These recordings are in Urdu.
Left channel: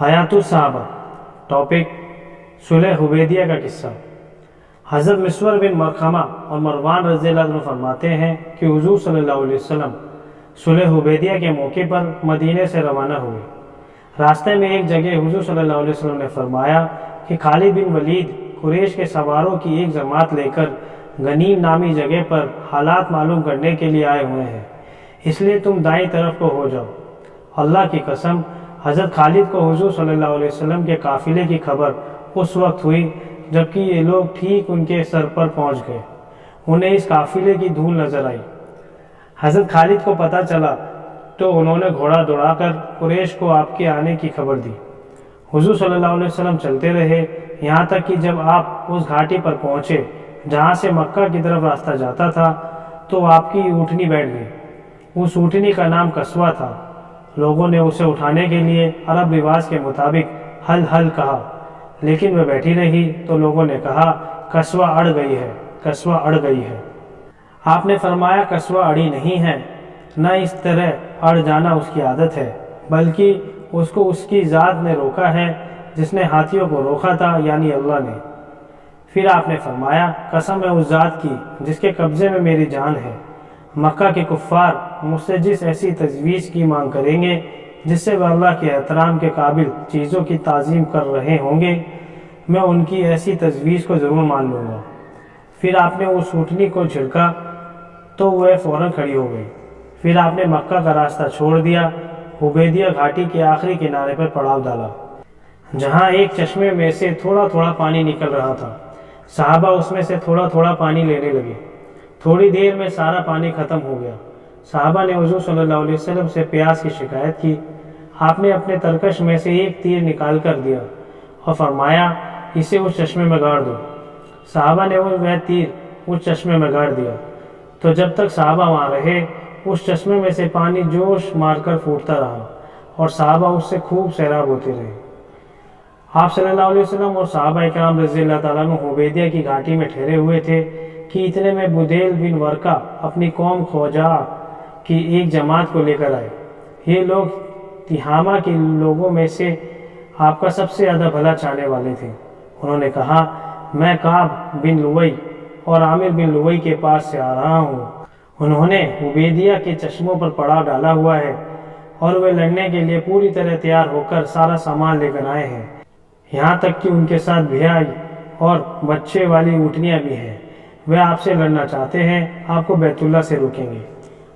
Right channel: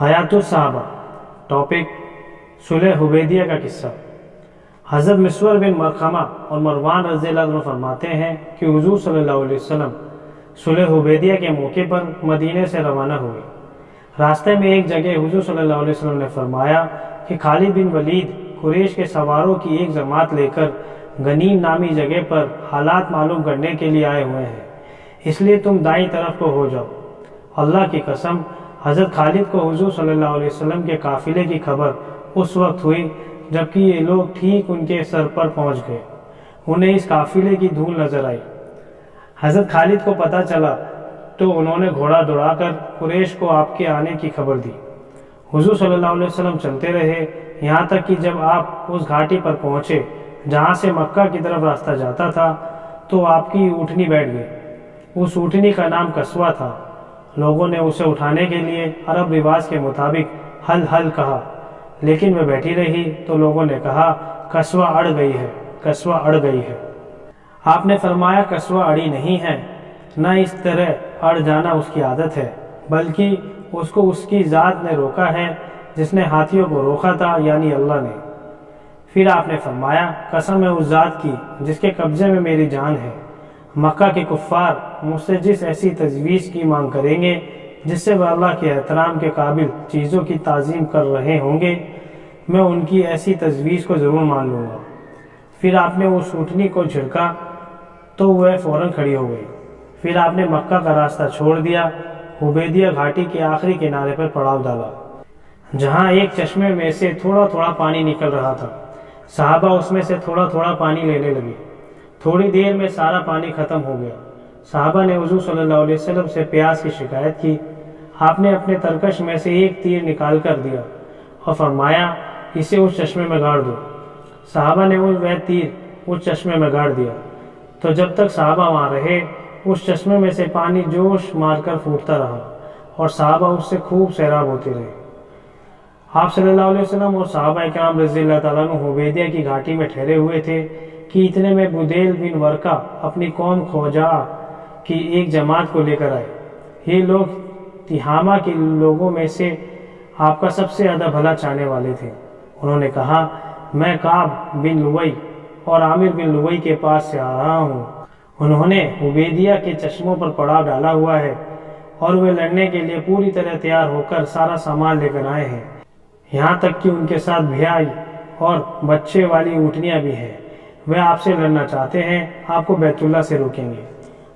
حیات الصحابہ ٹاپک صلح حدیبیہ کا قصہ۔ حضرت مسور بن مخرمہ اور مروان رضی اللہ عنہ فرماتے ہیں کہ حضور صلی اللہ علیہ وسلم صلح حدیبیہ کے موقع پر مدینے سے روانہ ہوئے۔ راستے میں ایک جگہ حضور صلی اللہ علیہ وسلم نے فرمایا کہ خالد بن ولید قریش کے سواروں کی ایک جماعت لے کر غنیم نامی جگہ پر حالات معلوم کرنے کے لیے آئے ہوئے ہیں، اس لیے تم دائیں طرف کو ہو جاؤ۔ اللہ کی قسم، حضرت خالد کو حضور صلی اللہ علیہ وسلم کے قافلے کی خبر اس وقت ہوئی جبکہ یہ لوگ ٹھیک ان کے سر پر پہنچ گئے۔ انہیں اس قافلے کی دھول نظر آئی۔ حضرت خالد کو پتہ چلا تو انہوں نے گھوڑا دوڑا کر قریش کو آپ کے آنے کی خبر دی۔ حضور صلی اللہ علیہ وسلم چلتے رہے یہاں تک کہ جب آپ اس گھاٹی پر پہنچے جہاں سے مکہ کی طرف راستہ جاتا تھا تو آپ کی اونٹنی بیٹھ گئی۔ اس اونٹنی کا نام قصوہ تھا۔ لوگوں نے اسے اٹھانے کے لیے عرب رواج کے مطابق ہل ہل کہا، لیکن وہ بیٹھی رہی تو لوگوں نے کہا قصوہ اڑ گئی ہے، قصوہ اڑ گئی ہے۔ آپ نے فرمایا قصوہ اڑی نہیں ہے، نہ اس طرح اڑ جانا اس کی عادت ہے، بلکہ اس کو اس کی ذات نے روکا ہے جس نے ہاتھیوں کو روکا تھا، یعنی اللہ نے۔ پھر آپ نے فرمایا قسم ہے اس ذات کی جس کے قبضے میں میری جان ہے، مکہ کے کفار مجھ سے جس ایسی تجویز کی مانگ کریں گے جس سے وہ اللہ کے احترام کے قابل چیزوں کی تعظیم کر رہے ہوں گے، میں ان کی ایسی تجویز کو ضرور مان لوں گا۔ پھر آپ نے اس اونٹنی کو جھڑکا تو وہ فوراً کھڑی ہو گئی۔ پھر آپ نے مکہ کا راستہ چھوڑ دیا، حدیبیہ گھاٹی کے آخری کنارے پر پڑاؤ ڈالا جہاں ایک چشمے میں سے تھوڑا تھوڑا پانی نکل رہا تھا۔ صحابہ اس میں سے تھوڑا تھوڑا پانی لینے لگے۔ تھوڑی دیر میں سارا پانی ختم ہو گیا۔ صحابہ نے حضور صلی اللہ علیہ وسلم سے پیاس کی شکایت کی۔ آپ نے اپنے ترکش میں سے ایک تیر نکال کر دیا اور فرمایا اسے اس چشمے میں گاڑ دو۔ صحابہ نے وہ تیر اس چشمے میں گاڑ دیا تو جب تک صحابہ وہاں رہے اس چشمے میں سے پانی جوش مار کر پھوٹتا رہا اور صحابہ اس سے خوب سیراب ہوتے رہے۔ آپ صلی اللہ علیہ وسلم اور صحابہ کرام رضی اللہ تعالیٰ عنہ حدیبیہ کی گھاٹی میں ٹھہرے ہوئے تھے کہ اتنے میں بدیل بن ورقہ اپنی قوم خزاعہ کی ایک جماعت کو لے کر آئے۔ یہ لوگ تہامہ کے لوگوں میں سے آپ کا سب سے زیادہ بھلا چاہنے والے تھے۔ انہوں نے کہا میں کعب بن لؤی اور عامر بن لؤی کے پاس سے آ رہا ہوں۔ انہوں نے حدیبیہ کے چشموں پر پڑاؤ ڈالا ہوا ہے اور وہ لڑنے کے لیے پوری طرح تیار ہو کر سارا سامان لے کر آئے ہیں، یہاں تک کہ ان کے ساتھ بھیائی اور بچے والی اونٹنیاں بھی ہیں۔ وہ آپ سے لڑنا چاہتے ہیں، آپ کو بیت اللہ سے روکیں گے۔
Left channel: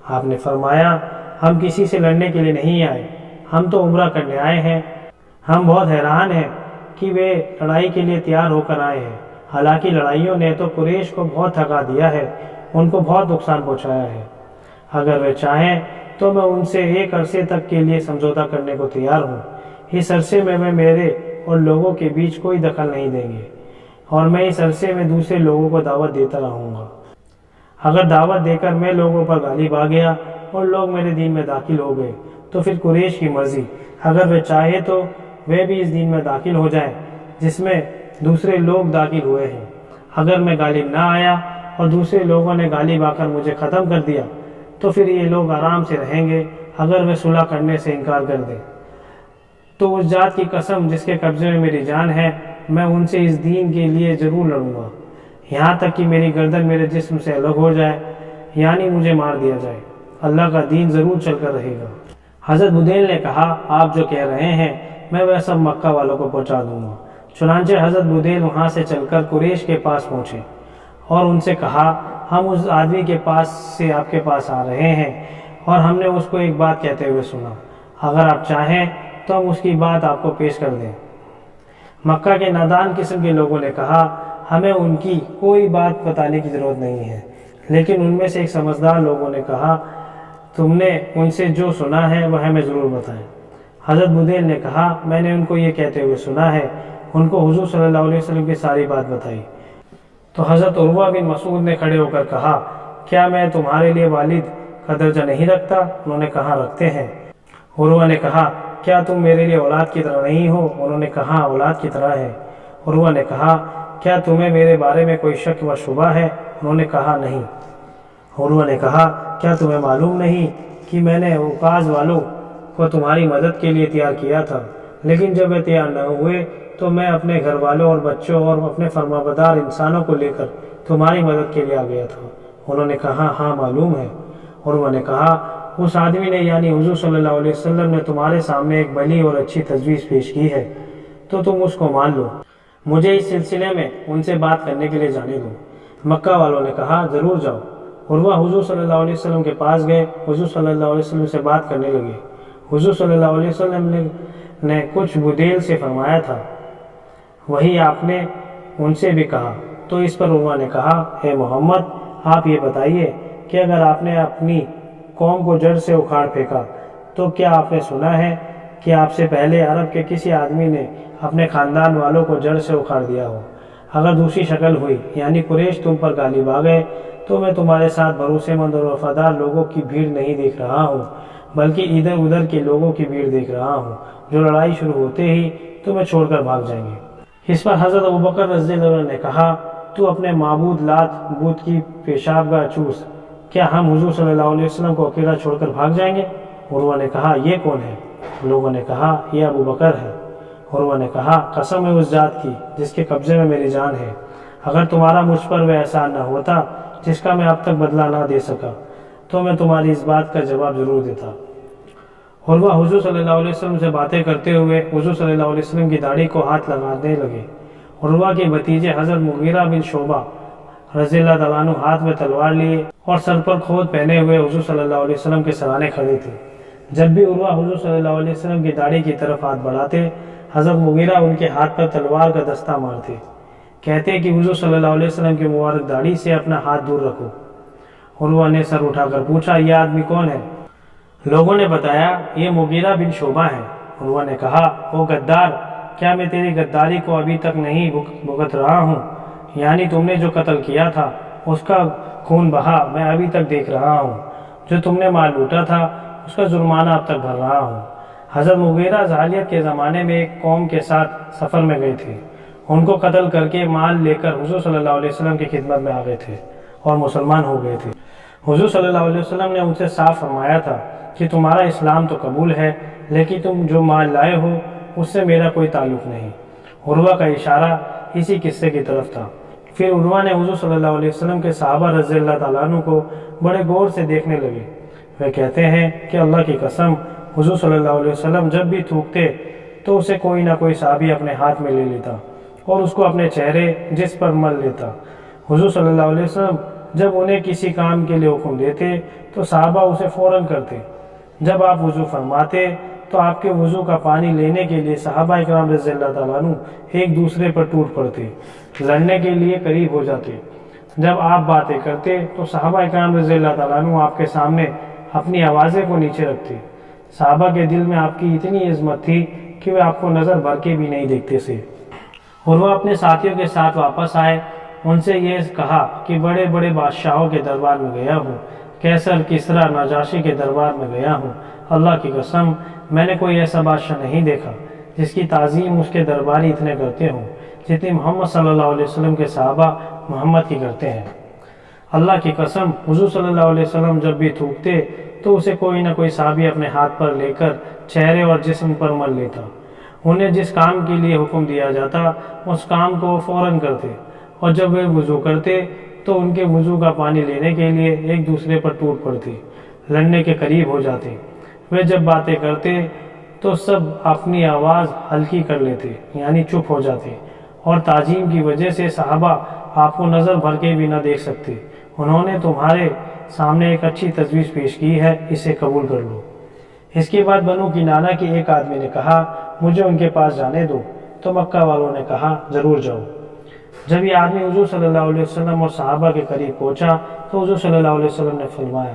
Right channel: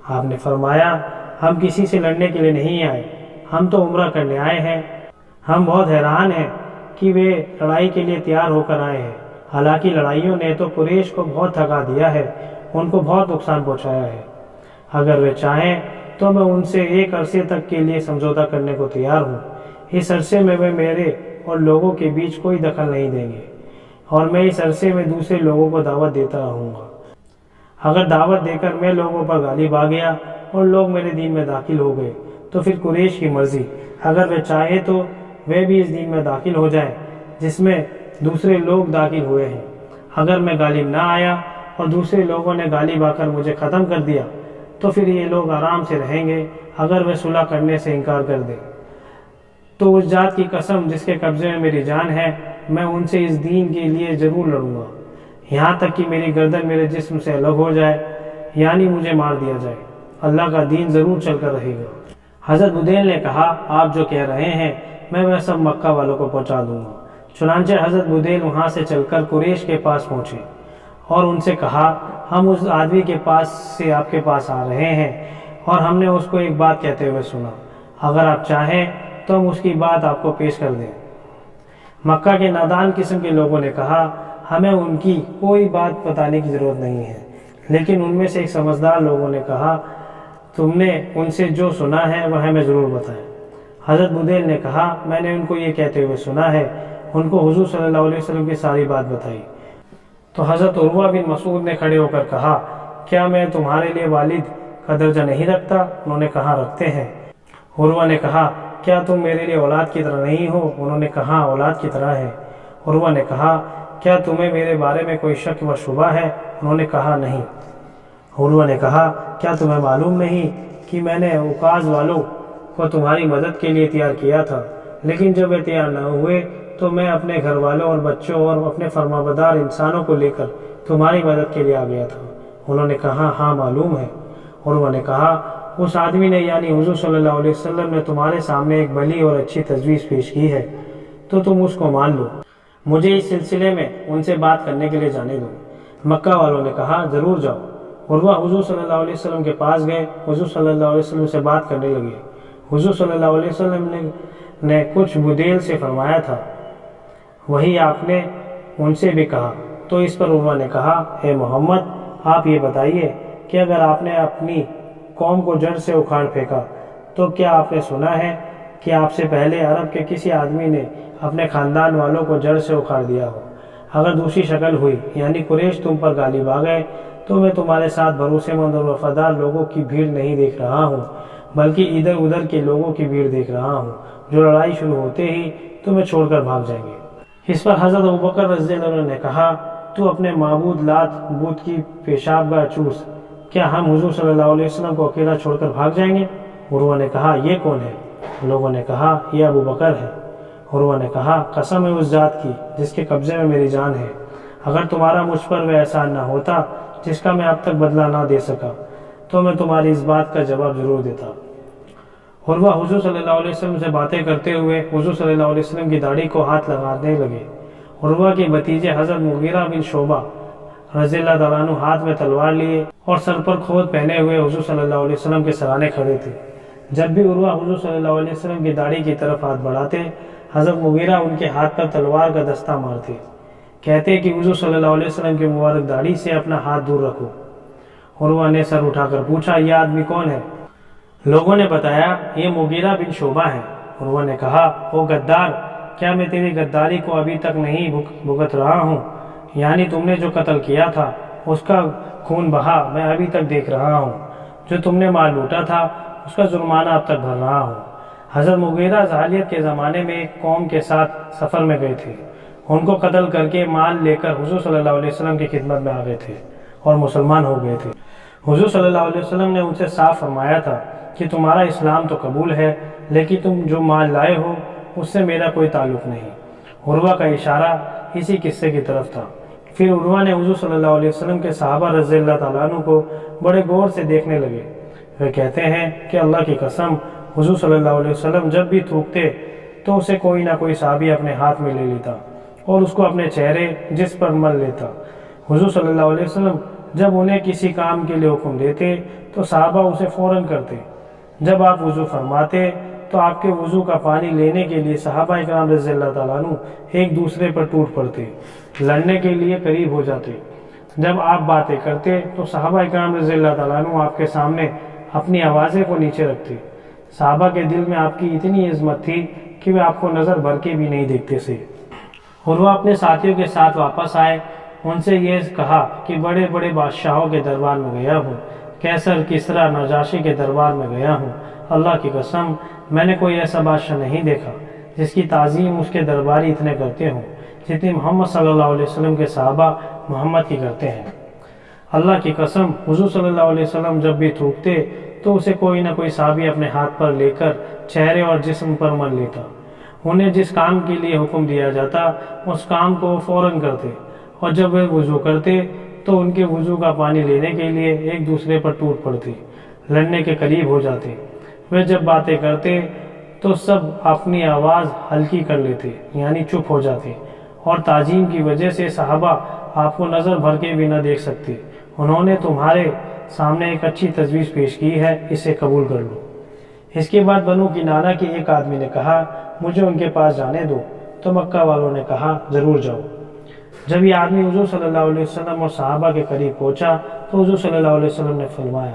آپ نے فرمایا ہم کسی سے لڑنے کے لیے نہیں آئے، ہم تو عمرہ کرنے آئے ہیں۔ ہم بہت حیران ہیں کہ وہ لڑائی کے لیے تیار ہو کر آئے ہیں، حالانکہ لڑائیوں نے تو قریش کو بہت تھکا دیا ہے، ان کو بہت نقصان پہنچایا ہے۔ اگر وہ چاہیں تو میں ان سے ایک عرصے تک کے لیے سمجھوتا کرنے کو تیار ہوں۔ اس عرصے میں وہ میرے اور لوگوں کے بیچ کوئی دخل نہیں دیں گے اور میں اس عرصے میں دوسرے لوگوں کو دعوت دیتا رہوں گا۔ اگر دعوت دے کر میں لوگوں پر غالب آ گیا اور لوگ میرے دین میں داخل ہو گئے تو پھر قریش کی مرضی، اگر وہ چاہے تو وہ بھی اس دین میں داخل ہو جائیں جس میں دوسرے لوگ داخل ہوئے ہیں۔ اگر میں غالب نہ آیا اور دوسرے لوگوں نے غالب آ کر مجھے ختم کر دیا تو پھر یہ لوگ آرام سے رہیں گے۔ اگر وہ صلح کرنے سے انکار کر دیں تو اس ذات کی قسم جس کے قبضے میں میری جان ہے، میں ان سے اس دین کے لیے ضرور لڑوں گا، یہاں تک کہ میری گردن میرے جسم سے الگ ہو جائے، یعنی مجھے مار دیا جائے۔ اللہ کا دین ضرور چل کر رہے گا۔ حضرت بدیل نے کہا آپ جو کہہ رہے ہیں میں وہ سب مکہ والوں کو پہنچا دوں گا۔ چنانچہ حضرت بدیل وہاں سے چل کر قریش کے پاس پہنچے اور ان سے کہا ہم اس آدمی کے پاس سے آپ کے پاس آ رہے ہیں اور ہم نے اس کو ایک بات کہتے ہوئے سنا، اگر آپ چاہیں تو ہم اس کی بات آپ کو پیش کر دیں۔ مکہ کے نادان قسم کے لوگوں نے کہا ہمیں ان کی کوئی بات بتانے کی ضرورت نہیں ہے، لیکن ان میں سے ایک سمجھدار لوگوں نے کہا تم نے ان سے جو سنا ہے وہ ہمیں ضرور بتائیں۔ حضرت بدیل نے کہا میں نے ان کو یہ کہتے ہوئے سنا ہے۔ ان کو حضور صلی اللہ علیہ وسلم کی ساری بات بتائی تو حضرت عروہ بن مسعود نے کھڑے ہو کر کہا کیا میں تمہارے لیے والد کا درجہ نہیں رکھتا؟ انہوں نے کہا رکھتے ہیں۔ عروہ نے کہا کیا تم میرے لیے اولاد کی طرح نہیں ہو؟ انہوں نے کہا اولاد کی طرح ہے۔ عروہ نے کہا کیا تمہیں میرے بارے میں کوئی شک و شبہ ہے؟ انہوں نے کہا نہیں۔ عروہ نے کہا کیا تمہیں معلوم نہیں کہ میں نے اوقاز والوں کو تمہاری مدد کے لیے تیار کیا تھا؟ لیکن جب وہ تیار نہ ہوئے تو میں اپنے گھر والوں اور بچوں اور اپنے فرمانبردار انسانوں کو لے کر تمہاری مدد کے لیے آ گیا تھا۔ انہوں نے کہا ہاں معلوم ہے۔ عروہ نے کہا اس آدمی نے یعنی حضور صلی اللہ علیہ وسلم نے تمہارے سامنے ایک بھلی اور اچھی تجویز پیش کی ہے تو تم اس کو مان لو، مجھے اس سلسلے میں ان سے بات کرنے کے لیے جانے دو۔ مکہ والوں نے کہا ضرور جاؤ۔ عروہ حضور صلی اللہ علیہ وسلم کے پاس گئے، حضور صلی اللہ علیہ وسلم سے بات کرنے لگے۔ حضور صلی اللہ علیہ وسلم نے کچھ بدیل سے فرمایا تھا، وہی آپ نے ان سے بھی کہا۔ تو اس پر عروہ نے کہا اے محمد آپ یہ بتائیے کہ اگر آپ نے اپنی قوم کو جڑ سے اکھاڑ پھینکا تو کیا آپ نے سنا ہے کہ آپ سے پہلے عرب کے کسی آدمی نے اپنے خاندان والوں کو جڑ سے اکھاڑ دیا ہو؟ اگر دوسری شکل ہوئی یعنی قریش تم پر غالب آ گئے تو میں تمہارے ساتھ بھروسے مند اور وفادار لوگوں کی بھیڑ نہیں دیکھ رہا ہوں، بلکہ ادھر ادھر کے لوگوں کی بھیڑ دیکھ رہا ہوں جو لڑائی شروع ہوتے ہی تمہیں چھوڑ کر بھاگ جائیں گے۔ اس پر حضرت ابوبکر رضی اللہ عنہ نے کہا تو اپنے معبود لات بت کی پیشاب گاہ چوس، کیا ہم حضور صلی اللہ علیہ وسلم کو اکیلا چھوڑ کر بھاگ جائیں گے؟ عروہ نے کہا یہ کون ہے؟ لوگوں نے کہا یہ ابوبکر ہے۔ عروہ نے کہا قسم ہے اس ذات کی جس کے قبضے میں میری جان ہے، اگر تمہارا مجھ پر وہ احسان نہ ہوتا جس کا میں اب تک بدلہ نہ دے سکا تو میں تمہاری اس بات کا جواب ضرور دیتا۔ عروہ حضور صلی اللہ علیہ وسلم سے باتیں کرتے ہوئے حضور صلی اللہ علیہ وسلم کی داڑھی کو ہاتھ لگانے لگے۔ عروہ کے بھتیجے حضرت مغیرہ بن شعبہ رضی اللہ تعالیٰ عنہ ہاتھ میں تلوار لیے اور سر پر کھود پہنے ہوئے حضور صلی اللہ علیہ وسلم کے سرانے کھڑے تھے۔ جب بھی عروہ حضور صلی اللہ علیہ وسلم کی داڑھی کی طرف ہاتھ بڑھاتے، حضرت مغیرہ ان کے ہاتھ پر تلوار کا دستہ مارتے، کہتے کہ حضور صلی اللہ علیہ وسلم کی مبارک داڑھی سے اپنا ہاتھ دور رکھو۔ عروہ نے سر اٹھا کر پوچھا یہ آدمی کون ہے؟ لوگوں نے بتایا یہ مغیرہ بن شعبہ ہے۔ عروہ نے کہا او غدار، کیا میں تیری غداری کو ابھی تک نہیں بھگت رہا ہوں؟ یعنی تم نے جو قتل کیا تھا اس کا خون بہا میں ابھی تک دیکھ رہا ہوں، جو تم نے مال لوٹا تھا اس کا جرمانہ اب تک بھر رہا ہوں۔ حضرت مغیرہ جاہلیت کے زمانے میں ایک قوم کے ساتھ سفر میں گئے تھے، ان کو قتل کر کے مال لے کر حضور صلی اللہ علیہ وسلم کی خدمت میں آ گئے تھے اور مسلمان ہو گئے تھے۔ حضور صلی اللہ علیہ وسلم نے ان سے صاف فرمایا تھا کہ تمہارا اسلام تو قبول ہے لیکن تم جو مال لائے ہو اس سے میرا کوئی تعلق نہیں۔ عروہ کا اشارہ اسی قصے کی طرف تھا۔ پھر عروہ نے حضور صلی اللہ علیہ وسلم کے صحابہ رضی اللہ تعالیٰ عنہ کو بڑے غور سے دیکھنے لگے۔ وہ کہتے ہیں کہ اللہ کی قسم حضور صلی اللہ علیہ وسلم جب بھی تھوکتے تو اسے کوئی نہ کوئی صحابی اپنے ہاتھ میں لے لیتا اور اس کو اپنے چہرے جس پر مل لیتا۔ حضور صلی اللہ علیہ وسلم جب انہیں کسی کام کے لیے حکم دیتے تو صحابہ اسے فوراً کرتے۔ جب آپ وضو فرماتے تو آپ کے وضو کا پانی لینے کے لیے صحابہ اکرام رضی اللہ تعالیٰ عنہ ایک دوسرے پر ٹوٹ پڑتے، لڑنے کے لیے قریب ہو جاتے۔ جب آپ باتیں کرتے تو صحابہ اکرام رضی اللہ تعالیٰ عنہ آپ کے سامنے اپنی آوازیں کو نیچے رکھتے۔ صحابہ کے دل میں آپ کی اتنی عظمت تھی کہ وہ آپ کو نظر بھر کے بھی نہیں دیکھتے تھے۔ عروہ اپنے ساتھیوں کے ساتھ واپس آئے، ان سے یہ کہا کہ بڑے بڑے بادشاہوں کے دربار میں گیا ہوں، قیصر، کسریٰ، نجاشی کے دربار میں گیا ہوں، اللہ کی قسم میں نے کوئی ایسا بادشاہ نہیں دیکھا جس کی تعظیم اس کے درباری اتنے کرتے ہوں جتنی محمد صلی اللہ علیہ وسلم کے صحابہ محمد کی کرتے ہیں۔ اللہ کی قسم حضور صلی اللہ علیہ وسلم جب بھی تھوکتے تو اسے کوئی نہ کوئی صحابی اپنے ہاتھ پر لے کر چہرے اور جسم پر مل لیتا۔ انہیں جس کام کے لیے حکم دیا جاتا اس کام کو وہ فوراً کرتے، اور جب وہ وضو کرتے تو ان کے وضو کا پانی لینے کے لیے ایک دوسرے پر ٹوٹ پڑتے، لڑنے کے قریب ہو جاتے۔ وہ جب باتیں کرتے تو سب اپنی آواز ہلکی کر لیتے یعنی چپ ہو جاتے، اور تعظیم کی وجہ سے صحابہ آپ کو نظر بھر کے بھی نہ دیکھ سکتے۔ انہوں نے تمہارے سامنے ایک اچھی تجویز پیش کی ہے، اسے قبول کر لو۔ اس کے بعد بنو کنانہ کے ایک آدمی نے کہا مجھے ان کے پاس جانے دو، تو مکہ والوں نے کہا ضرور جاؤ۔ جب یہ آدمی حضور صلی اللہ علیہ وسلم اور صحابہ کے قریب پہنچا تو حضور صلی اللہ علیہ وسلم نے فرمایا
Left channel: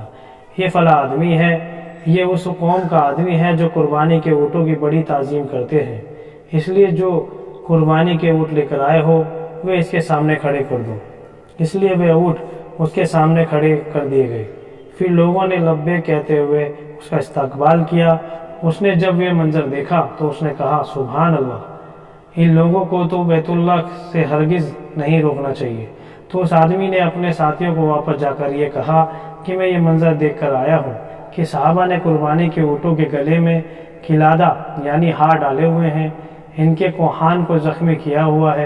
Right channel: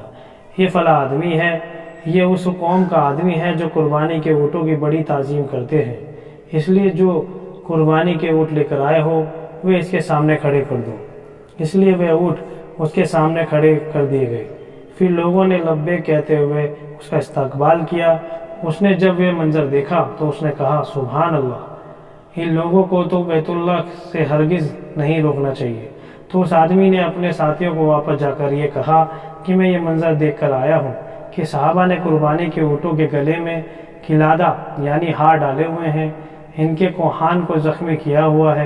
یہ فلاں آدمی ہے، یہ اس قوم کا آدمی ہے جو قربانی کے اونٹوں کی بڑی تعظیم کرتے ہیں، اس لیے جو قربانی کے اونٹ لے کر آئے ہو وہ اس کے سامنے کھڑے کر دو۔ اس لیے وہ اونٹ اس کے سامنے کھڑے کر دیے گئے۔ پھر لوگوں نے لبیک کہتے ہوئے اس کا استقبال کیا۔ اس نے جب یہ منظر دیکھا تو اس نے کہا سبحان اللہ، ان لوگوں کو تو بیت اللہ سے ہرگز نہیں روکنا چاہیے۔ تو اس آدمی نے اپنے ساتھیوں کو واپس جا کر یہ کہا کہ میں یہ منظر دیکھ کر آیا ہوں کہ صحابہ نے قربانی کے اونٹوں کے گلے میں قلادہ یعنی ہار ڈالے ہوئے ہیں، ان کے کوہان کو زخمی کیا ہوا ہے۔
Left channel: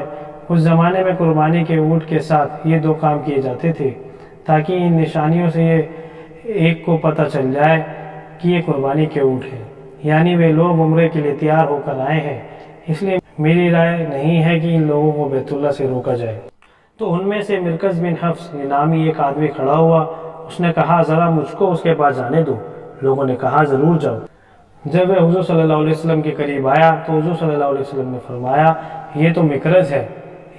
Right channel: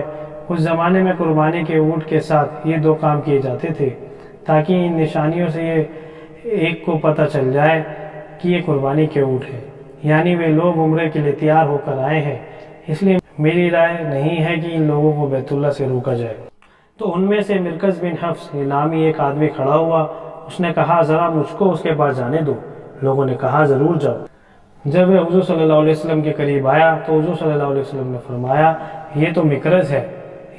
اس زمانے میں قربانی کے اونٹ کے ساتھ یہ دو کام کیے جاتے تھے تاکہ ان نشانیوں سے یہ ایک کو پتہ چل جائے کہ یہ قربانی کے اونٹ ہیں، یعنی وہ لوگ عمرے کے لیے تیار ہو کر آئے ہیں۔ اس لیے میری رائے نہیں ہے کہ ان لوگوں کو بیت اللہ سے روکا جائے۔ تو ان میں سے مرکز بن حفص نامی ایک آدمی کھڑا ہوا، اس نے کہا ذرا مجھ کو اس کے پاس جانے دو۔ لوگوں نے کہا ضرور جاؤ۔ جب وہ حضور صلی اللہ علیہ وسلم کے قریب آیا تو حضور صلی اللہ علیہ وسلم نے فرمایا یہ تو مکرز ہے،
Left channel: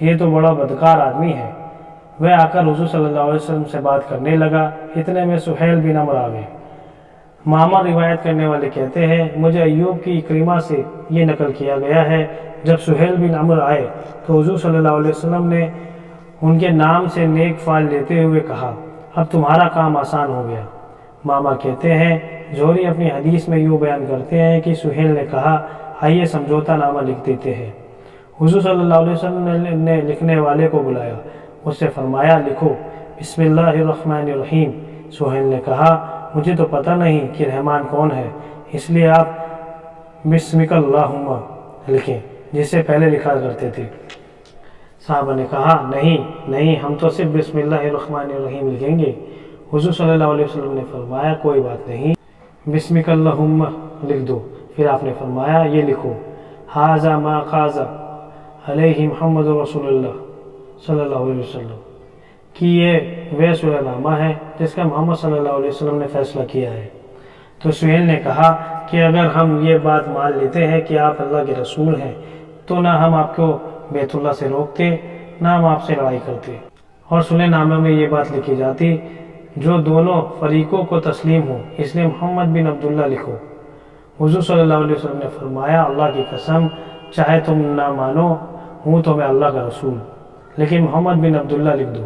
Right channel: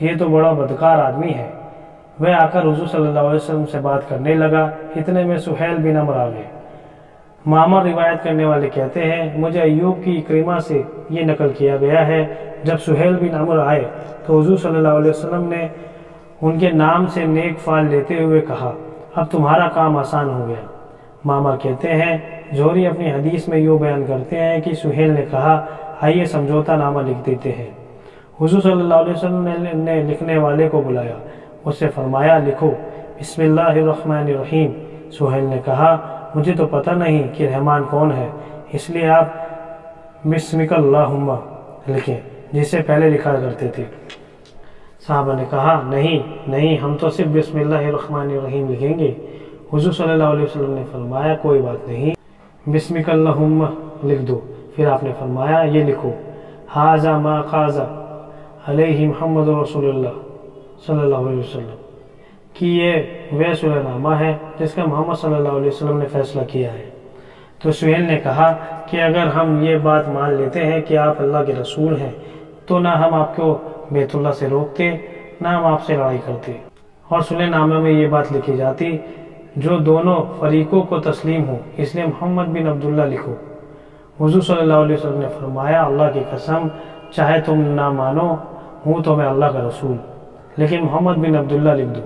یہ تو بڑا بدکار آدمی ہے۔ وہ آ کر حضور صلی اللہ علیہ وسلم سے بات کرنے لگا، اتنے میں سہیل بن عمرو آ گئے۔ معمر روایت کرنے والے کہتے ہیں مجھے ایوب کی اکرمہ سے یہ نقل کیا گیا ہے، جب سہیل بن عمرو آئے تو حضور صلی اللہ علیہ وسلم نے ان کے نام سے نیک فعل لیتے ہوئے کہا اب تمہارا کام آسان ہو گیا۔ معمر کہتے ہیں زہری اپنی حدیث میں یوں بیان کرتے ہیں کہ سہیل نے کہا آئیے سمجھوتا نامہ لکھ دیتے ہیں۔ حضور صلی اللہ علیہ وسلم نے لکھنے والے کو بلایا، اس سے فرمایا لکھو بسم اللہ الرحمن الرحیم۔ سہیل نے کہا مجھے تو پتہ نہیں کہ رحمان کون ہے، اس لیے آپ بسمک اللہم لکھیں جسے پہلے لکھا کرتے تھے۔ صحابہ نے کہا نہیں ہم تو صرف بسم اللہ الرحمن الرحیم لکھیں گے۔ حضور صلی اللہ علیہ وسلم نے فرمایا کوئی بات نہیں، بسمک اللہم لکھ دو۔ پھر آپ نے فرمایا یہ لکھو ھذا ما قاض علیہ محمد رسول اللہ صلی اللہ علیہ وسلم، کہ یہ وہ سلح نامہ ہے جس کا محمد صلی اللہ علیہ وسلم نے فیصلہ کیا ہے۔ تو سہیل نے کہا کہ اگر ہم یہ بات مان لیتے ہیں کہ آپ اللہ کے رسول ہیں تو نہ ہم آپ کو بیت اللہ سے روکتے نہ ہم آپ سے لڑائی کرتے، اور سلح نامہ میں یہ بات لکھی جاتی جو دونوں فریقوں کو تسلیم ہو، اس لیے محمد بن عبداللہ لکھو۔ حضور صلی اللہ علیہ وسلم نے فرمایا اللہ کی قسم چاہے تم نہ مانو ہوں تو میں اللہ کا رسول، لیکن محمد بن عبداللہ لکھ دو۔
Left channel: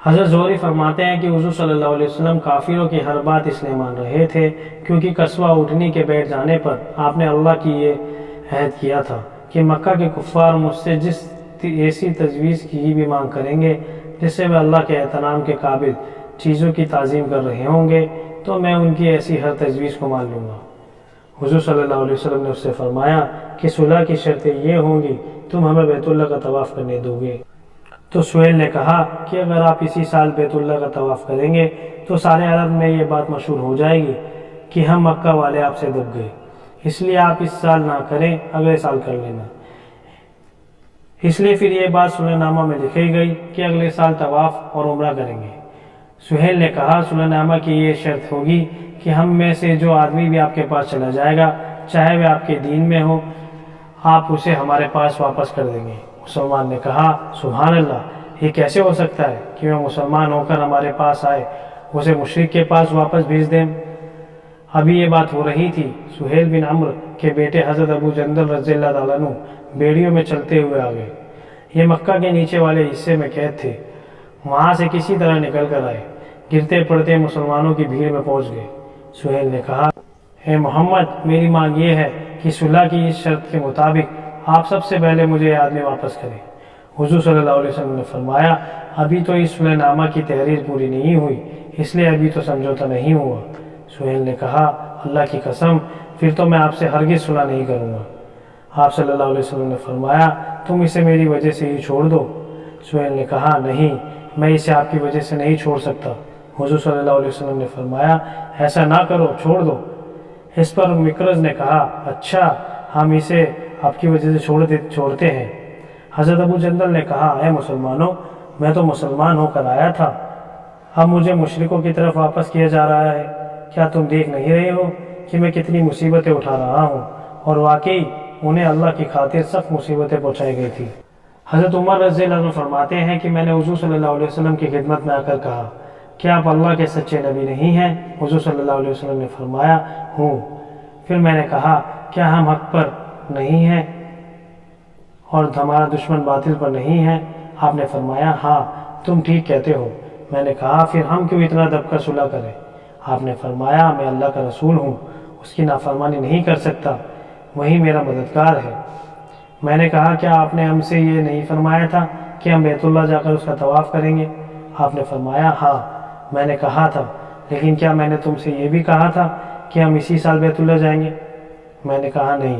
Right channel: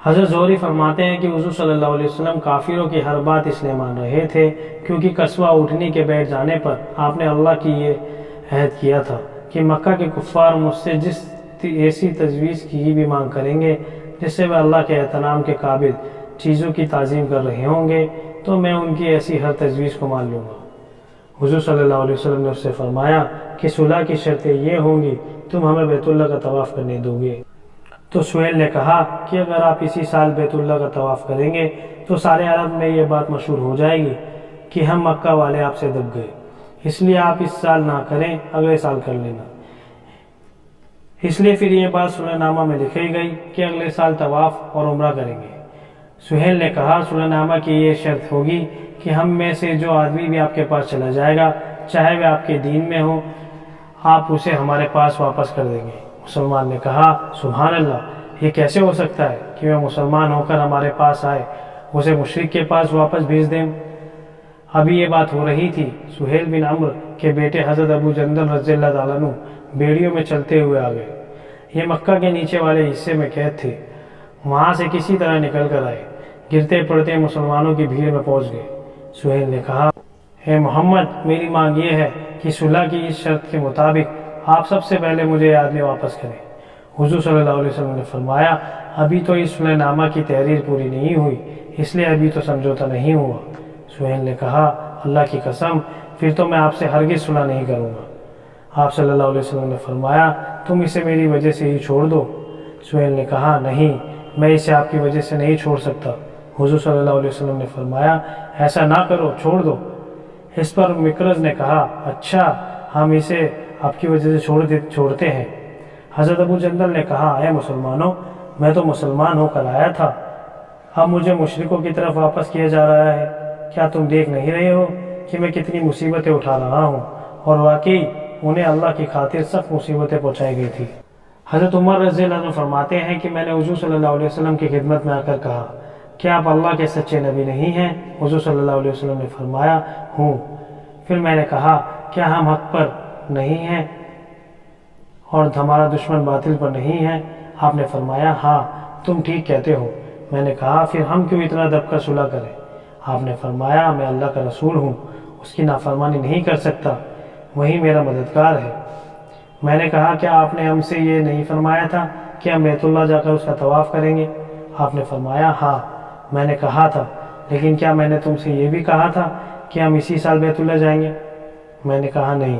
حضرت زہری فرماتے ہیں کہ حضور صلی اللہ علیہ وسلم کافروں کی ہر بات اس لیے مان رہے تھے کیونکہ قصوہ اٹھنی کے بیٹھ جانے پر آپ نے اللہ کی یہ عہد کیا تھا کہ مکہ کے کفار مجھ سے جس ایسی تجویز کی بھی مانگ کریں گے جس سے وہ اللہ کے احترام کے قابل چیزوں کی تعظیم کر رہے ہوں گے تو میں ان کی ایسی ہر تجویز کو مان لوں گا۔ حضور صلی اللہ علیہ وسلم نے اس سے فرمایا کہ صلح کی شرطیں یہ ہوں گی تم ہمیں بیت اللہ کا طواف کرنے دو گے۔ تو سہیل نے کہا کہ اگر آپ اسی سال بیت اللہ کا طواف کریں گے تو سارے عرب میں یہ بات مشہور ہو جائے گی کہ ہم مکہ والے آپ سے دب گئے، اس لیے آپ اس سال نہ کریں اگلے سال کر لینا۔ اس لیے پھر یہ بات صلح نامہ میں لکھی گئی کہ اگلے سال طواف اور عمرہ کریں گے۔ سہیل نے کہا صلح نامہ کی یہ شرط ہوگی کہ ہم میں سے جو آدمی بھی آپ کے پاس چلا جائے گا چاہے وہ آپ کے دین میں ہو آپ اسے ہمارے پاس واپس کر دیں گے۔ مسلمان نے کہا سبحان اللہ، یہ کیسے ہو سکتا ہے کہ وہ مسلمان ہو کر ہمارے پاس آئے اسے مشرک کے پاس واپس بھیج دیں۔ ابھی یہ بات ہو رہی تھی، سہیل بن عمرو کے بیٹے حضرت ابو جندل رضی اللہ تعالیٰ عنہ بیڑیوں میں چلتے ہوئے آ گئے۔ یہ مکہ کے نیچے والے حصے میں قید تھے، وہاں سے کسی طرح نکل کر آئے، گرتے پڑتے مسلمانوں کی بھیڑ میں پہنچ گئے۔ سہیل نے کہا اے محمد میری مانگ یہ ہے کہ صلح کی اس شرط کے مطابق آپ سب سے پہلے مجھے یہ آدمی واپس کریں۔ حضور صلی اللہ علیہ وسلم نے فرمایا ابھی تو اس صلح نامہ کی تحریر پوری نہیں ہوئی، اس لیے ابھی تو سمجھوتا نہیں ہوا۔ سہیل نے کہا اللہ کی قسم پھر تو میں آپ سے ہرگز صلح نہیں کروں گا۔ آپ صلی اللہ علیہ وسلم نے فرمایا تم اسے میری وجہ سے ہی چھوڑ دو۔ سہیل نے کہا نہیں میں اسے آپ کی وجہ سے نہیں چھوڑ سکتا۔ حضور صلی اللہ علیہ وسلم نے فرمایا ایسا نہ کرو چھوڑ دو۔ اس پر مکرز نے کہا اچھا ہم اسے آپ کی وجہ سے چھوڑتے ہیں۔ حضرت ابو جندل نے کہا اے مسلمانوں میں تو مسلمان ہو کر آیا تھا، اب مجھے مشرکوں کی طرف واپس کیا جا رہا ہے، کیا تم دیکھ نہیں رہے ہو کہ میں کتنی مصیبتیں اٹھا رہا ہوں؟ اور واقعی انہیں اللہ کی خاطر سخت مصیبتیں پہنچائی گئی تھی۔ حضرت عمر رضی اللہ عنہ فرماتے ہیں کہ میں نے حضور صلی اللہ علیہ وسلم کی خدمت میں آ کر کہا کیا آپ اللہ کے سچے نبی نہیں ہیں؟ حضور صلی اللہ علیہ وسلم نے فرمایا ہوں۔ پھر میں نے کہا کیا ہم حق پر نہیں ہیں اور ہمارا دشمن باطل پر نہیں ہے؟ آپ نے فرمایا ہاں تم ٹھیک کہتے ہو۔ میں نے کہا پھر ہم کیوں اتنا دب کر صلح کریں؟ آپ نے فرمایا میں اللہ کا رسول ہوں، اس کی نافرمانی نہیں کر سکتا، وہی میرا مددگار ہے۔ میں نے کہا کیا آپ نے ہم سے یہ نہیں فرمایا تھا کہ ہم بیت اللہ جا کر اس کا طواف کریں گے؟ آپ نے فرمایا ہاں میں نے کہا تھا، لیکن کیا میں نے تم سے یہ بھی کہا تھا کہ ہم اسی سال بیت اللہ جائیں گے؟ میں نے کہا نہیں۔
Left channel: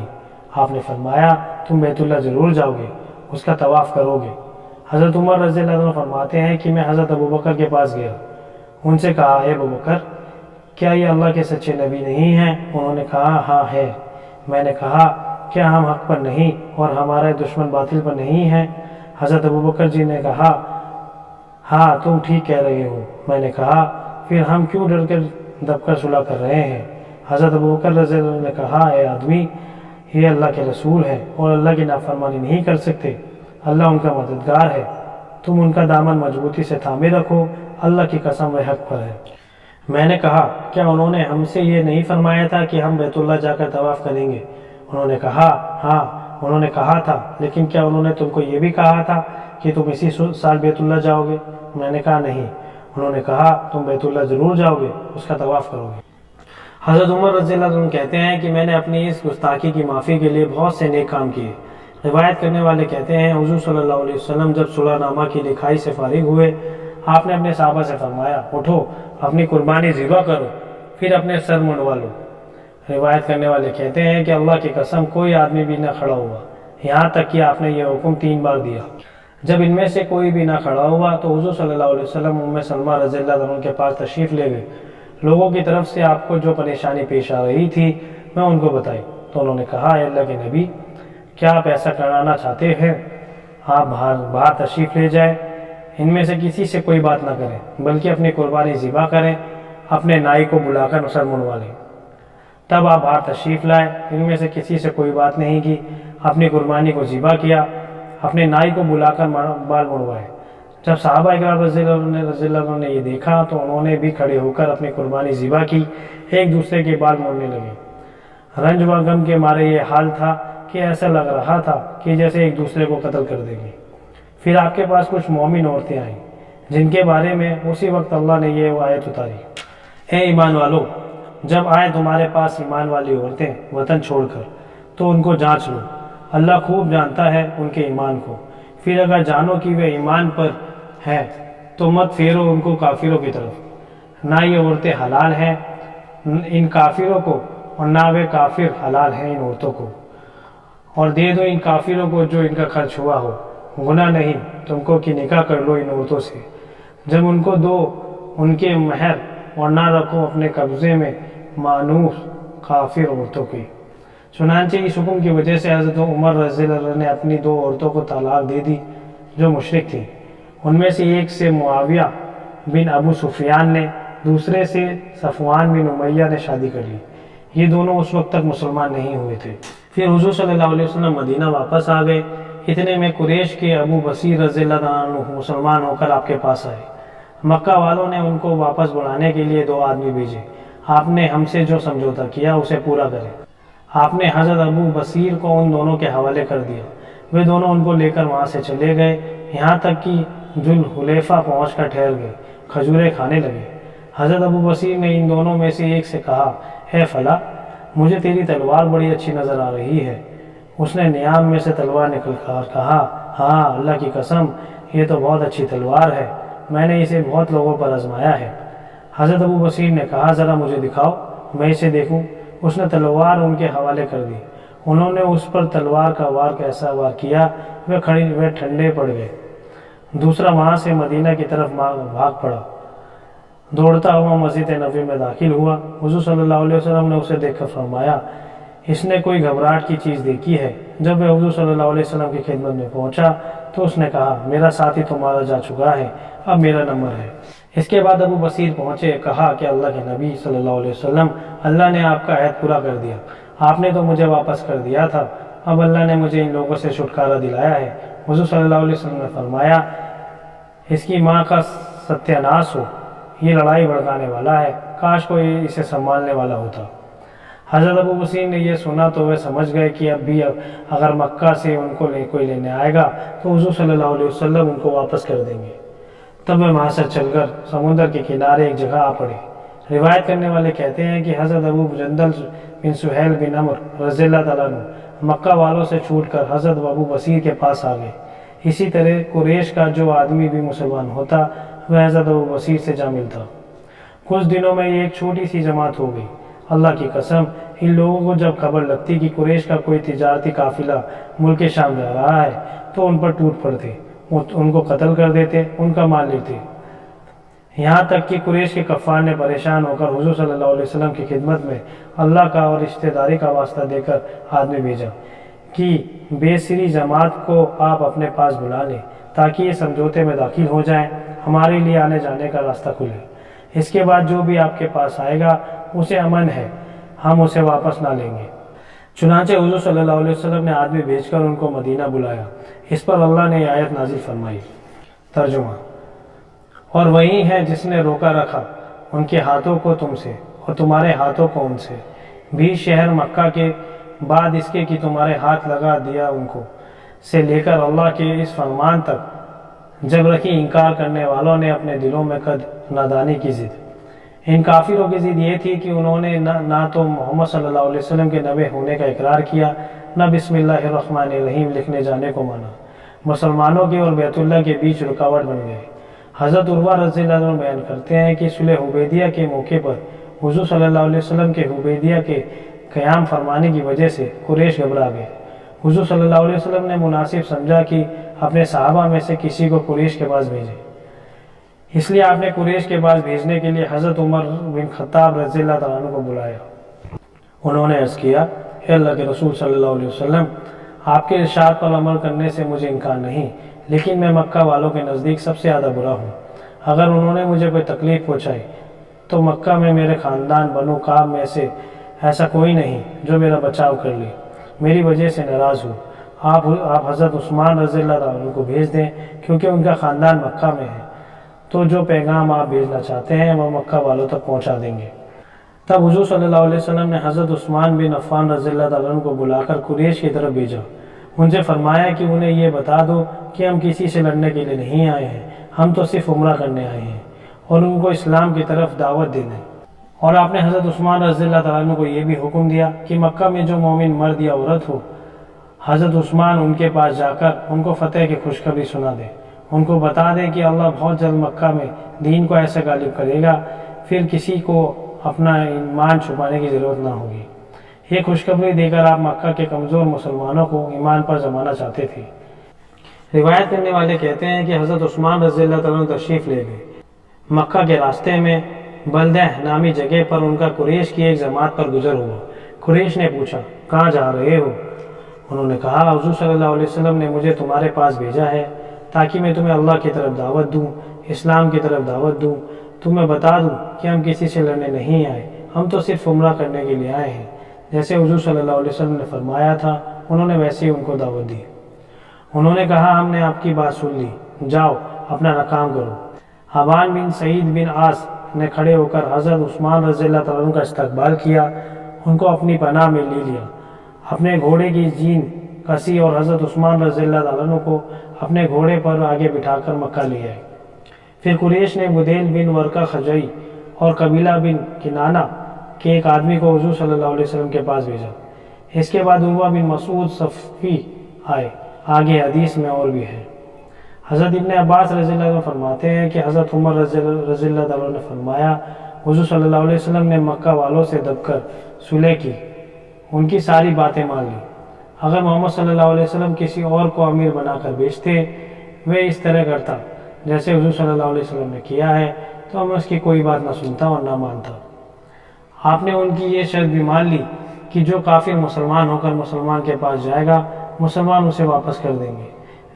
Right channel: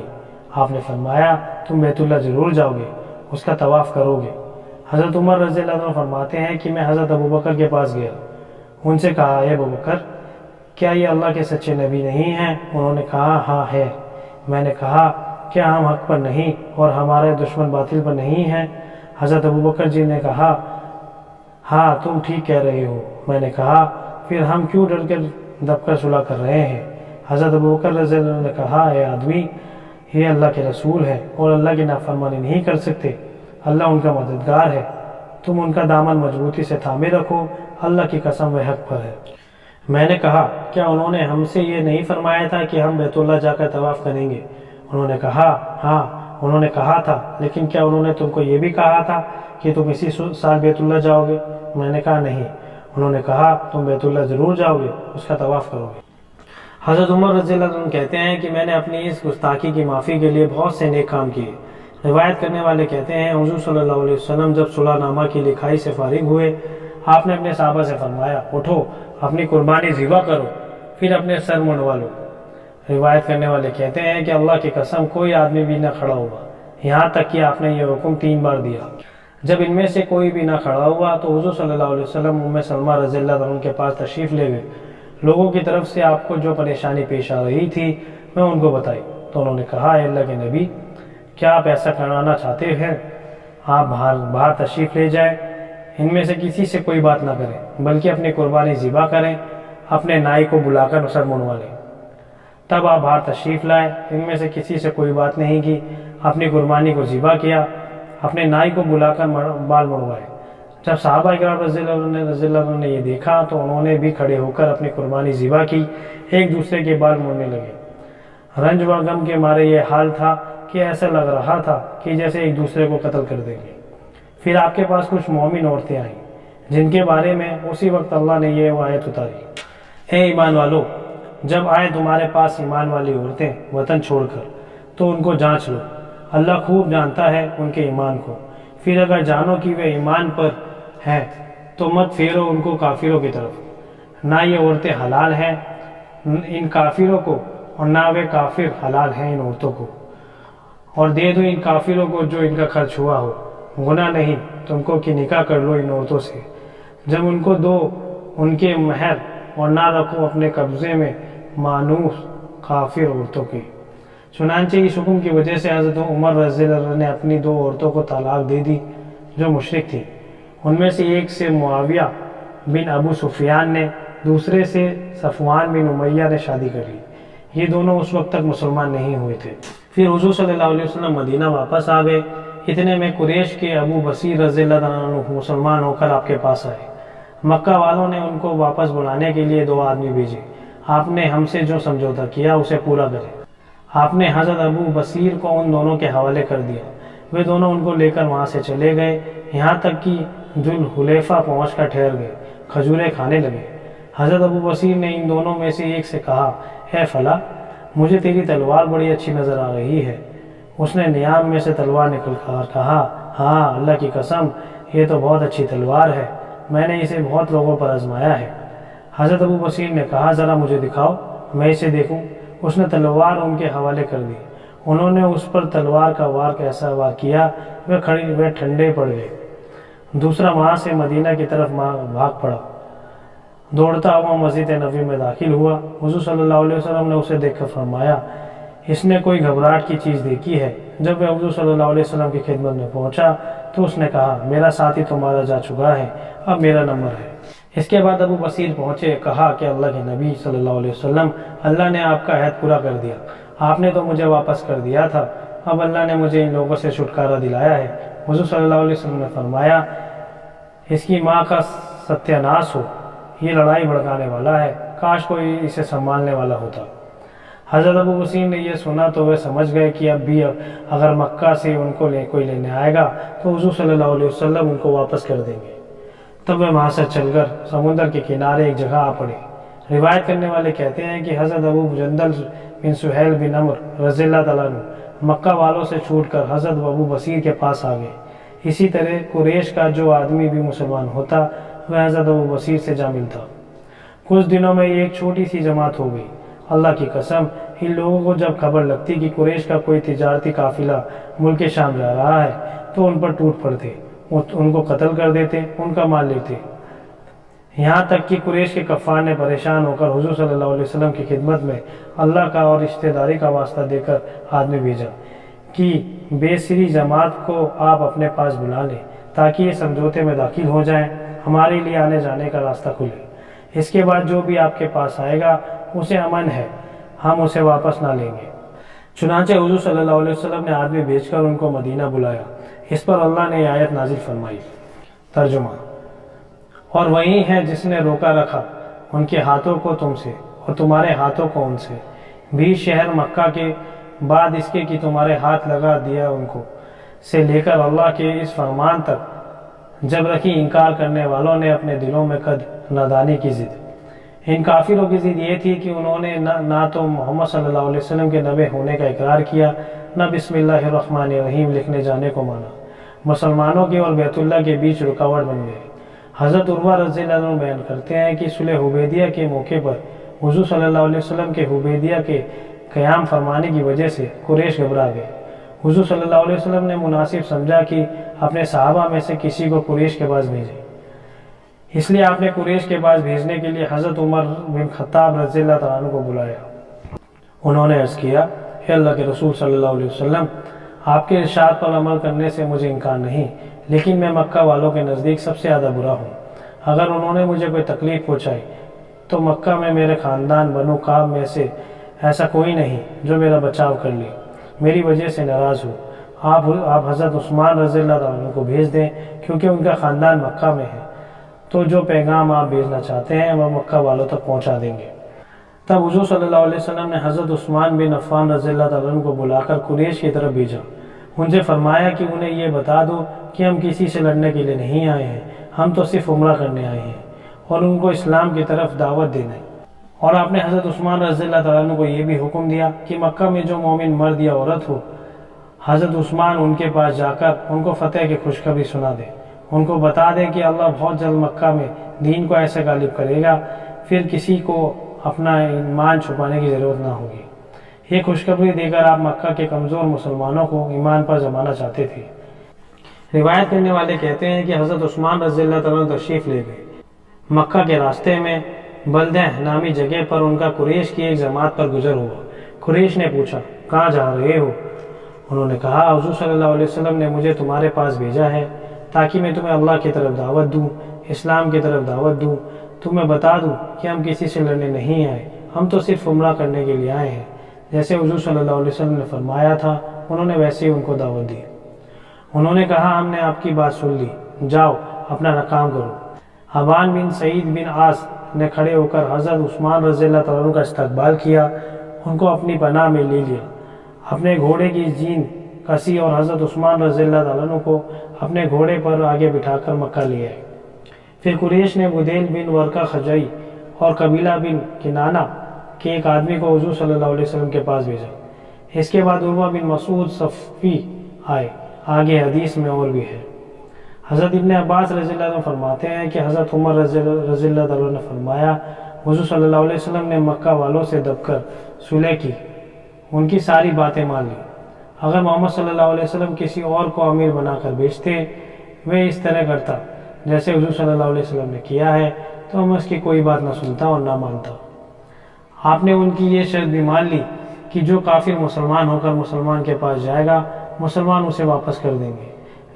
آپ نے فرمایا تم بیت اللہ ضرور جاؤ گے، اس کا طواف کرو گے۔ حضرت عمر رضی اللہ عنہ فرماتے ہیں کہ میں حضرت ابو بکر کے پاس گیا، ان سے کہا اے ابو بکر کیا یہ اللہ کے سچے نبی نہیں ہیں؟ انہوں نے کہا ہاں ہے۔ میں نے کہا کیا ہم حق پر نہیں اور ہمارے دشمن باطل پر نہیں ہیں؟ حضرت ابو بکر جی نے کہا ہاں تم ٹھیک کہہ رہے ہو۔ میں نے کہا پھر ہم کیوں ڈر کر دب کر صلح کر رہے ہیں؟ حضرت ابو بکر رضی اللہ عنہ نے کہا اے آدمی، یہ اللہ کے رسول ہیں اور اللہ کی نافرمانی نہیں کر سکتے، اللہ ان کا مددگار ہے، تم ان کا دامن مضبوطی سے تھامے رکھو، اللہ کی قسم وہ حق پر ہے۔ میں نے کہا کیا انہوں نے ہم سے یہ نہیں فرمایا تھا کہ ہم بیت اللہ جا کر طواف کریں گے؟ انہوں نے کہا ہاں انہوں نے کہا تھا، لیکن کیا انہوں نے تم کو یہ بھی کہا تھا کہ تم اسی سال بیت اللہ جاؤ گے؟ میں نے کہا نہیں۔ انہوں نے کہا تم بیت اللہ ضرور جاؤ گے، اس کا طواف کرو گے۔ حضرت عمر رضی اللہ عنہ کہتے ہیں کہ میں نے اپنی اس گستاخی کی معافی کے لیے بہت سے نیک کام کیے۔ روایت کرنے والے کہتے ہیں حضور صلی اللہ علیہ وسلم جب صلح نامہ کی لکھائی سے فارغ ہوئے، آپ نے اپنے صحابہ سے فرمایا اٹھو اپنی قربانی ذبح کرو، پھر اپنے سر منڈوا لو۔ روایت کرنے والے کہتے ہیں کہ اللہ کی قسم کوئی آدمی بھی نہ کھڑا ہوا، یہاں تک کہ آپ نے یہ حکم 3 بار دیا۔ جب ان میں سے کوئی بھی نہ کھڑا ہوا تو حضور صلی اللہ علیہ وسلم ام سلمہ رضی اللہ عنہ کے پاس تشریف لے گئے۔ لوگوں کی طرف سے آپ کو جو پریشانی پیش آ رہی تھی میں ان کو بتائی تو انہوں نے کہا اے اللہ کے نبی، کیا آپ ایسا کرانا چاہتے ہیں؟ آپ باہر تشریف لے جائیں، ان میں سے کسی سے کوئی بات نہ کریں بلکہ اپنی قربانی ذبح کریں، اپنے نائی کو بلا کر سر منڈوا لیں۔ تب آپ باہر تشریف لائے، ان میں سے کسی سے کوئی بات نہیں کی، اپنی قربانی کو ذبح کیا، اپنے نائی کو بلا کر بال منڈوائے۔ جب صحابہ اکرام رضی اللہ عنہ نے یہ دیکھا تو انہوں نے بھی کھڑے ہو کر اپنی قربانی ذبح کی، ایک دوسرے کے بال موڑنے لگے۔ رنج و غم کے مارے یہ حال تھا کہ ایسا لگ رہا تھا کہ جیسے ایک دوسرے کو قتل کر دیں گے۔ پھر آپ کے پاس کچھ مومن عورتیں آئیں جن کے بارے میں اسی وقت اللہ نے یہ آیت اتاری، اے ایمان والو، جب آئے تمہارے پاس ایمان والی عورتیں وطن چھوڑ کر تو ان کو جانچ لو، اللہ خوب جانتا ہے ان کے ایمان کو، پھر اگر جانو کہ وہ ایمان پر ہیں تو مت پھیرو ان کو کافروں کی طرف، نہ یہ عورتیں حلال ہیں ان کافروں کو اور نہ وہ کافر حلال ہیں ان عورتوں کو، اور دے دو ان کافروں کو جو ان کا خرچ ہوا ہو، گناہ نہیں تم کو کہ نکاح کر لو ان عورتوں سے، جب ان کو دو ان کے مہر اور نہ رکھو اپنے قبضے میں مانوس کافر عورتوں کی۔ چنانچہ اس حکم کی وجہ سے حضرت عمر رضی اللہ عنہ نے اپنی 2 عورتوں کو طلاق دے دی جو مشرک تھیں، ان میں سے ایک سے معاویہ بن ابو سفیان نے، دوسرے سے صفوان بن امیہ نے شادی کر لی۔ یہ دونوں اس وقت تک مسلمان نہیں ہوئے تھے۔ پھر حضور صلی اللہ علیہ وسلم مدینہ واپس آ گئے، اتنے میں قریش کے ابو بصیر رضی اللہ عنہ مسلمان ہو کر آپ کے پاس آئے۔ مکہ والوں نے ان کو واپس بلانے کے لیے 2 آدمی بھیجے، آپ نے ہم سے جو سمجھوتا کیا اسے پورا کریں۔ آپ نے حضرت ابو بصیر کو ان دونوں کے حوالے کر دیا، وہ دونوں ان کو لے کر وہاں سے چلے گئے، یہاں تک کہ ذوالحلیفہ پہنچ کر ٹھہر گئے، کھجوریں کھانے لگے۔ حضرت ابو بصیر نے ان دونوں میں سے ایک سے کہا اے فلاں، مجھے تیری تلوار بڑی اچھی نظر آ رہی ہے۔ اس نے نیام میں سے تلوار نکل کر کہا ہاں اللہ کی قسم یہ تو بہت اچھی تلوار ہے، میں نے اسے بہت لوگوں پر آزمایا ہے۔ حضرت ابو بصیر نے کہا ذرا مجھے دکھاؤ میں اسے دیکھوں۔ اس نے تلوار ان کے حوالے کر دی، انہوں نے اس پر تلوار کا وار کیسا وار کیا وہ ٹھنڈے پڑ گئے۔ دوسرا وہاں سے مدینہ کی طرف بھاگ پڑا، دوڑتا ہوا مسجد نبوی میں داخل ہوا۔ حضور صلی اللہ علیہ وسلم نے اسے دیکھ کر فرمایا اس نے کوئی گھبراہٹ کی چیز دیکھی ہے۔ جب وہ حضور صلی اللہ علیہ وسلم کی خدمت میں پہنچا تو اس نے کہا میرا ساتھی تمہارا جا چکا ہے، اب میرا نمبر ہے۔ اس کے بعد ابو بصیر پہنچے، کہا کہ اللہ کے نبی صلی اللہ علیہ وسلم، اللہ نے آپ کا عہد پورا کر دیا، آپ نے تو مجھے واپس کر دیا تھا، اب اللہ نے مجھے ان لوگوں سے چھٹکارا دلایا ہے۔ حضور صلی اللہ علیہ وسلم نے فرمایا اس کی ماں کا ستیہ ناش ہو، یہ لڑائی بھڑکانے والا ہے، کاش کوئی اسے سنبھالنے والا ہوتا۔ حضرت ابو بصیر نے یہ سنا تو وہ سمجھ گئے کہ اب بھی اگر مکہ سے ان کو کوئی لینے آئے گا تو حضور صلی اللہ علیہ وسلم ان کو واپس کر دیں گے۔ تب وہ وہاں سے چل کر سمندر کے کنارے ایک جگہ آ پڑے۔ روایت کرنے والے کہتے ہیں کہ حضرت ابو جندل بن سہیل بن عمر رضی اللہ تعالیٰ عنہ مکہ والوں سے چھوٹ کر حضرت ابو بصیر کے پاس آ گئے۔ اسی طرح قریش کا جو آدمی بھی مسلمان ہوتا وہ حضرت ابو بصیر سے جا ملتا۔ کچھ دنوں میں ایک چھوٹی سی جماعت ہو گئی، اللہ کی قسم ان لوگوں کو جب خبر لگتی کہ قریش کا کوئی تجارتی قافلہ ملک شام جا رہا ہے تو ان پر ٹوٹ پڑتے، ان کو قتل کر دیتے، ان کا مال لیتے۔ یہاں تک کہ قریش کے کفار نے پریشان ہو کر حضور صلی اللہ علیہ وسلم کی خدمت میں اللہ کا اور رشتہ داری کا واسطہ دے کر آدمی بھیجا کہ بے سری جماعت کو آپ اپنے پاس بلا لیں تاکہ یہ سمجھوتے میں داخل ہو جائیں، ہمارے لیے آنے جانے کا راستہ کھلے۔ اس کے بعد جو بھی آپ کے پاس آئے گا اسے امن ہے، ہم اسے واپس نہ لیں گے۔ چنانچہ حضور صلی اللہ علیہ وسلم نے آدمی بھیج کر ان کو مدینہ بلایا۔ اس پر اللہ نے یہ آیت نازل فرمائی۔ ترجمہ: اور وہی ہے جس نے روکا رکھا ان کے ہاتھوں کو تم سے اور تمہارے ہاتھوں کو ان سے بھی شہر مکہ کے بعد اس کے کہ تمہارے ہاتھ لگا دیا ان کو سے لے کر اللہ کے اس فرمان تک جب رکھی انکار کرنے والوں نے اپنے دلوں میں قد نادانی کی ضد۔ ان کافروں کی ضد یہ تھی کہ انہوں نے نہ تو محمد صلی اللہ علیہ وسلم کے نبی ہونے کا اقرار کیا، نہ بسم اللہ الرحمن الرحیم لکھنے جانے کو مانا۔ مسلمانوں کے اور بیت اللہ کے بیچ رکاوٹ بن گئے۔ حضرت عروہ رضی اللہ عنہ بیان کرتے ہیں کہ صلح حدیبیہ کے موقع پر حضور صلی اللہ علیہ وسلم کے حدیبیہ کے قیام فرمانے کی وجہ سے قریش گھبرا گئے۔ حضور صلی اللہ علیہ وسلم نے مناسب سمجھا کہ اپنے صحابہ میں سے کسی کو قریش کے پاس بھیجے، اس لیے آپ نے قریش کے پاس بھیجنے کے لیے حضرت عمر بن خطاب رضی اللہ تعالیٰ عنہ کو بلایا۔ انہوں نے عرض کیا، اے اللہ کے رسول صلی اللہ علیہ وسلم، آپ کے ارشاد پر عمل کرنے سے مجھے انکار نہیں، لیکن میں مکہ والوں کے نزدیک سب سے زیادہ برا ہوں۔ اگر انہوں نے مجھے کوئی تکلیف پہنچائی تو مکہ میں میرے خاندان بنو کعب میں سے ایسا کوئی نہیں جو میرا بچاؤ کر لے، میری وجہ سے ناراض ہو۔ آپ حضرت عثمان رضی اللہ تعالیٰ عنہ کو بھیج دیں کیونکہ ان کا خاندان مکہ میں ہے، تو جو پیغام آپ بھیجنا چاہتے ہیں وہ مکہ والوں تک پہنچا دیں گے۔ تب حضور صلی اللہ علیہ وسلم نے حضرت عثمان بن عفان رضی اللہ تعالیٰ عنہ کو بلا کر قریش کی طرف بھیجا۔ ان سے فرمایا کہ انہیں یہ بتا دو کہ ہم کسی سے لڑنے کے لیے نہیں آئے ہیں، ہم تو صرف عمرہ کرنے آئے ہیں اور ان کو اسلام کی طرف دعوت دینا ہے۔ اور آپ نے حضرت عثمان رضی اللہ تعالیٰ عنہ کو یہ بھی حکم دیا کہ مکہ میں جو مومن مرد یا عورت ہو، حضرت عثمان ان کے پاس جا کر ان کو فتح کی خوشخبری سنا دے، ان کو بتا دے کہ اللہ بہت جلد مکہ میں دین کو ایسے غالب کرے گا، پھر کسی کو اپنا ایمان چھپانے کی ضرورت نہ ہوگی۔ یہ خوشخبری دے کر آپ مکہ کے کمزور مسلمانوں کو ایمان پر جمانا چاہتے تھے۔ روایت کرنے والے کہتے ہیں کہ حضرت عثمان رضی اللہ تعالیٰ عنہ تشریف لے گئے۔ مکہ کے راستے میں بلدہ نامی جگہ پر ان کا قریش کی ایک جماعت پر گزر ہوا۔ قریش نے پوچھا، کہاں جا رہے ہو؟ انہوں نے کہا، حضور صلی اللہ علیہ وسلم نے مجھے تمہارے پاس بھیجا ہے تاکہ میں تمہیں اللہ کی طرف دعوت دوں، اسلام کی طرف دعوت دوں، تمہیں بتا دوں کہ ہم کسی سے لڑنے نہیں آئے، ہم تو صرف عمرہ کرنے کے لیے آئے ہیں۔ جیسے حضور صلی اللہ علیہ وسلم نے فرمایا تھا انہوں نے ویسے ہی ان کو دعوت دی۔ انہوں نے کہا، ہم نے آپ کی بات سن لی، جاؤ اپنا کام کرو۔ حبان بن سعید بن عاص نے کھڑے ہو کر حضرت عثمان رضی اللہ تعالیٰ عنہ کا استقبال کیا، ان کو اپنی پناہ میں لے لیا، اپنے گھوڑے کی جین کسی اور حضرت عثمان رضی اللہ تعالیٰ عنہ کو اپنے گھوڑے پر آگے بٹھا کر مکہ لے آئے۔ پھر قریش نے بدیل بن ورقہ خزاعی اور قبیلہ بن کنانہ کے ایک آدمی کو حضور صلی اللہ علیہ وسلم کے پاس بھیجا۔ اس کے بعد عروہ بن مسعود صفی آئے، آگے حدیث میں اور بھی ہے۔ حضرت ابن عباس رضی اللہ عنہ فرماتے ہیں کہ حضرت عمر رضی اللہ تعالیٰ عنہ نے فرمایا، حضور صلی اللہ علیہ وسلم نے مکہ والوں سے دب کر صلح کی، ان کی ساری باتیں مان لی۔ اگر محمد صلی اللہ علیہ وسلم کسی اور کو امیر بنا کر بھیجتے، وہ اس طرح کرتا جیسے حضور صلی اللہ علیہ وسلم نے کیا ہے، تو میں اس کی کوئی بات نہ سنتا اور نہ مانتا۔ آپ نے ان کی یہ شرط بھی مان لی کہ جو کافر مسلمان ہو کر مسلمان کے پاس جائے گا، مسلمان اسے واپس کر دیں گے،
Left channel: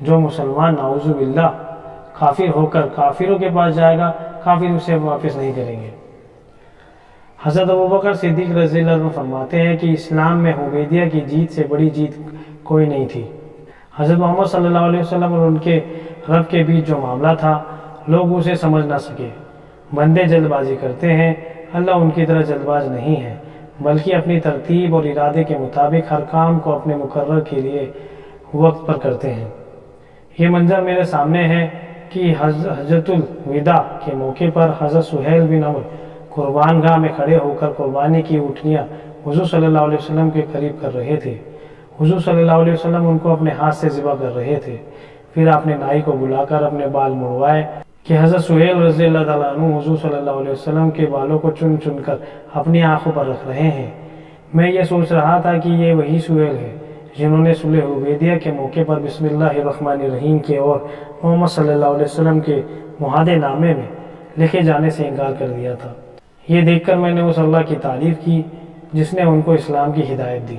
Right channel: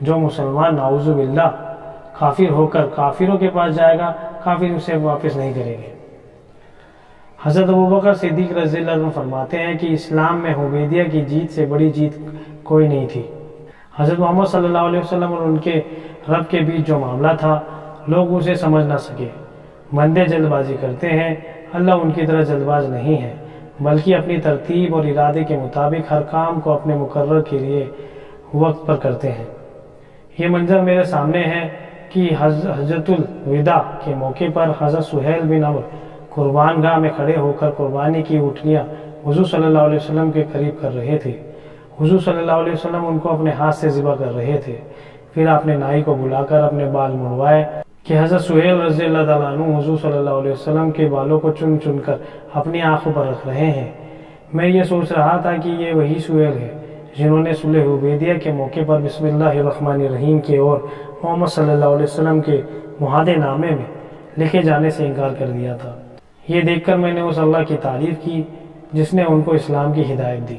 جو مسلمان نعوذ باللہ کافر ہو کر کافروں کے پاس جائے گا، کافر اسے واپس نہیں کریں گے۔ حضرت ابوبکر صدیق رضی اللہ عنہ فرماتے ہیں کہ اسلام میں حدیبیہ کی جیت سے بڑی جیت کوئی نہیں تھی۔ حضرت محمد صلی اللہ علیہ وسلم اور ان کے رب کے بیچ جو معاملہ تھا، لوگ اسے سمجھ نہ سکے۔ بندے جلد بازی کرتے ہیں، اللہ ان کی طرح جلد باز نہیں ہے، بلکہ اپنی ترتیب اور ارادے کے مطابق ہر کام کو اپنے مقرر کے لیے وقت پر کرتے ہیں۔ یہ منظر میرے سامنے ہے کہ حجۃ الوداع کے موقع پر حضرت سہیل بن عمرو قربان گاہ میں کھڑے ہو کر قربانی کی اونٹنیاں حضور صلی اللہ علیہ وسلم کے قریب کر رہے تھے۔ حضور صلی اللہ علیہ وسلم ان کو اپنے ہاتھ سے ذبح کر رہے تھے۔ پھر آپ نے نائی کو بلا کر اپنے بال مڑوائے کہ حضرت سہیل رضی اللہ تعالیٰ عنہ حضور صلی اللہ علیہ وسلم کے بالوں کو چن چن کر اپنی آنکھوں پر رکھ رہے ہیں۔ میں یہ سوچ رہا تھا کہ یہ وہی سہیل ہے جنہوں نے صلح حدیبیہ کے موقع پر بسم اللہ الرحمن الرحیم کے اور محمد صلی اللہ علیہ وسلم کے معاہدے نامے میں لکھے جانے سے انکار کر دیا تھا۔ یہ دیکھ کر میں نے اس اللہ کی تعریف کی جس نے ان کو اسلام کی ہدایت دی۔